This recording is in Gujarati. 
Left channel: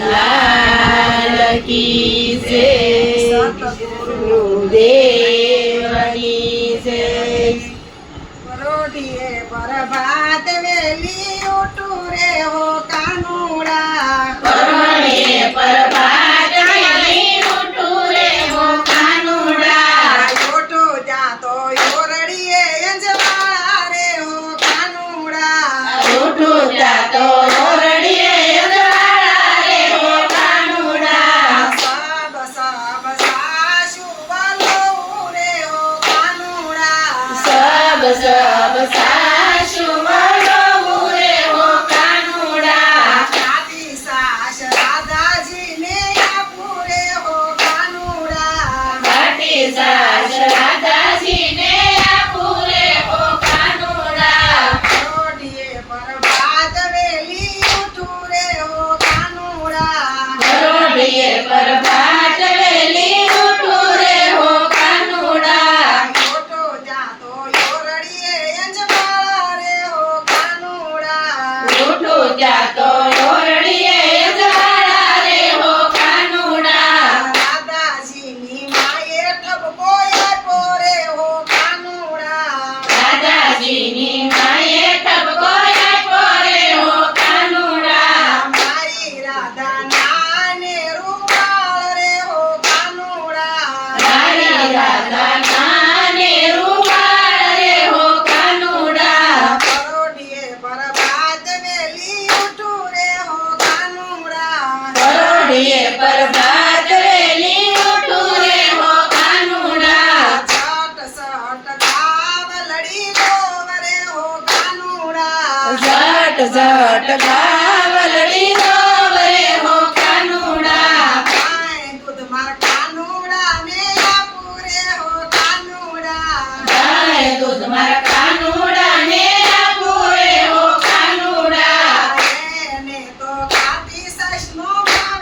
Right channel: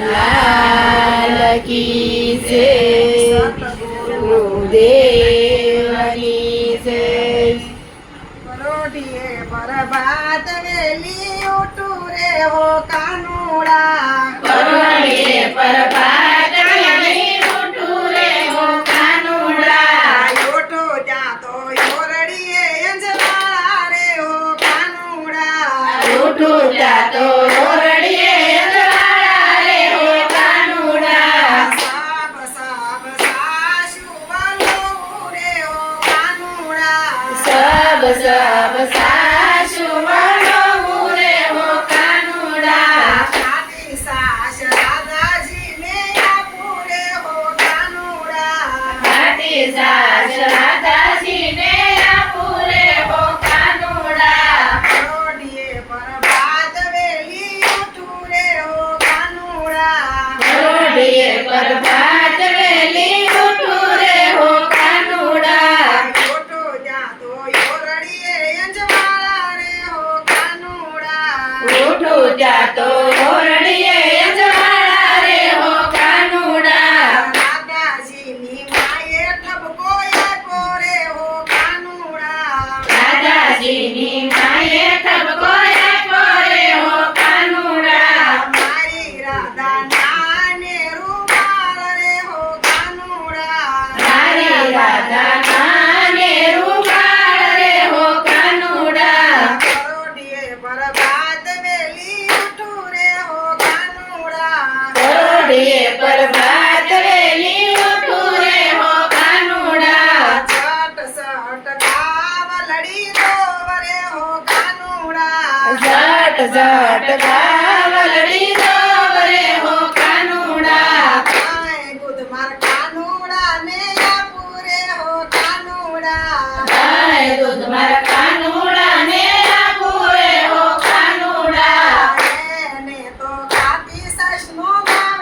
લાલ કી જય ગુરુદેવની જય પરોઢીએ પ્રભાત વેલી ઉઠું રે હો કાનુડા પરોઢીએ પ્રભાત વેલી ઉઠું રે હો કાનુડા ઉઠો જાતો યોરડીએ અંજવાળા રે હો કાનુડા ઉઠું જાતો ઓરડીએ અંજવાળા રે હો કાનુડા સાબ સાબ સાસુ વાલો રે હો કાનુડા સબ સબ સાસુ વડોવું રે હો કાનુડા સાતી સાસ રાધાજીને આપું રે હો કાનુડા ઘાટી સાસ રાધાજીને આપું રે હો કાનુડા પરોઢીએ પ્રભાત વેલી ઉઠું રે હો કાનુડા પરોઢીએ પ્રભાત વેલી ઉઠું રે હો કાનુડા ઓટો જાતો યોરડીએ અંજવાળા રે હો કાનુડા ઉઠું જાતો ઓરડીએ અંજવાળા રે હો કાનુડા રાધાજીની માએ ઠપકો આપ્યો રે હો કાનુડા દાદાજીની માએ ઠપકો આપ્યો રે હો કાનુડા મારી રાધા નાને રૂમાળ રે હો કાનુડા મારી રાધા નાને રૂમાળ રે હો કાનુડા પરોઢીએ પ્રભાત વેલી ઉઠું રે હો કાનુડા પરોઢીએ પ્રભાત વેલી ઉઠું રે હો કાનુડા છટ સટ કાવલડી દોવરે હો કાનુડા ઝટ ઝટ ગાવલડી દોવરે હો કાનુડા કાંઈ દૂધ માર કાનુડા ને આપું રે હો કાનુડા ગાય દૂધ મારા કાનુડા ને આપું રે હો કાનુડા એને તો કાપી સસનો માં